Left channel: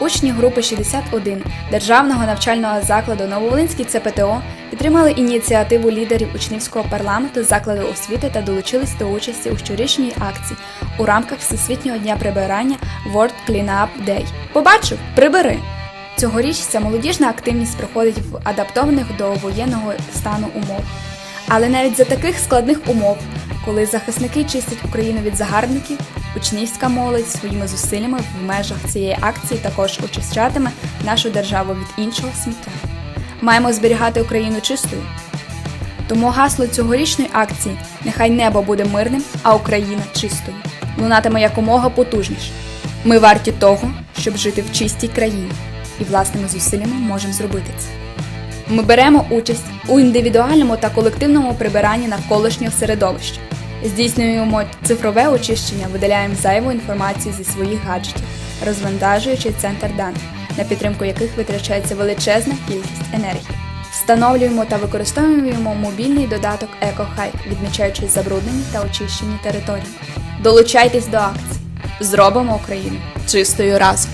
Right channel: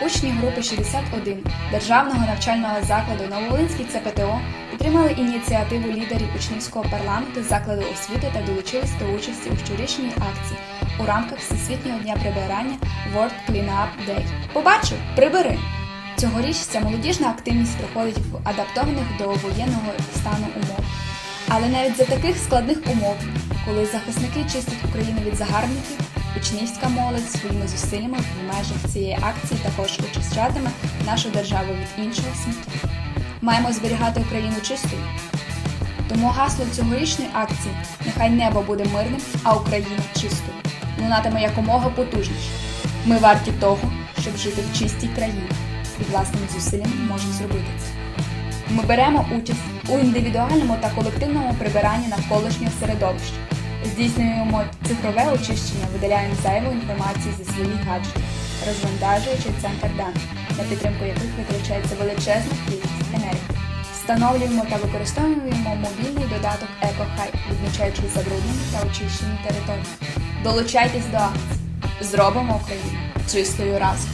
Учні групи 61 Державного навчального закладу Нововолинський ЦПТО підтримали ініціативу лідерів учнівського парламенту закладу освіти та долучились до участі у щорічній акції у рамках Всесвітнього дня прибирання World Cleanup Day. Побачив, прибери! Цьогоріч ця молодіжна активність проходить в адаптованих до воєнного стану умов. Але навіть за таких складних умов, коли захисники чистять Україну від загарбників, учнівська молодь своїми зусиллями в межах цієї акції також очищатиме нашу державу від іншого сміття. Маємо зберігати Україну чистою. Тому гасло цьогорічної акції нехай небо буде мирним, а Україна чистою. Лунатиме якомога потужніше. Ми варті того, щоб жити в чистій країні, і власними зусиллями можемо зробити це. Ми беремо участь у індивідуальному та колективному прибиранні навколишнього середовища. Здійснюємо цифрове очищення, видаляємо зайву інформацію зі своїх гаджетів, розвантажуючи центр даних, на підтримку яких витрачається величезна кількість енергії. Встановлюємо та використовуємо мобільний додаток EcoHive, відмічаючи забруднені та очищені території. Долучайтесь до акції. Зробимо Україну чистою разом.